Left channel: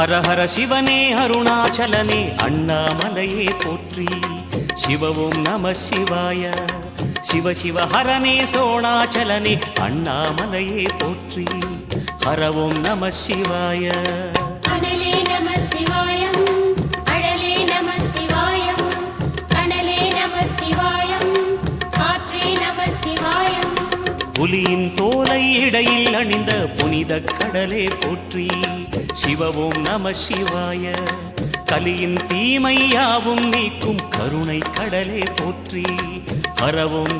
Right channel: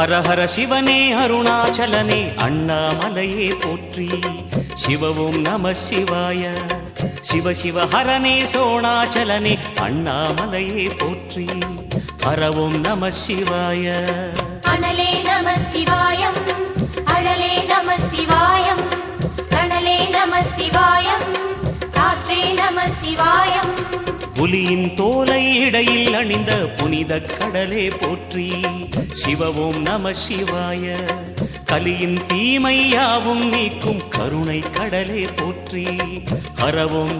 ஹர ஹர சிவனே அருணாச்சலனே அண்ணாமலையே போற்றி. சிவ ஓம் நம சிவாய. சிவ சிவ ஹரனே சோணாச்சலனே அண்ணாமலையே போற்றி. ஹர ஓம் நம சிவாய. புலியின் தோலை இடையில் அணிந்த புனித கடலே போற்றி. சிவ ஓம் நம சிவாய. கலியின் தீமையாவும் நீக்கும் கருணை கடலே போற்றி. ஹர ஓம்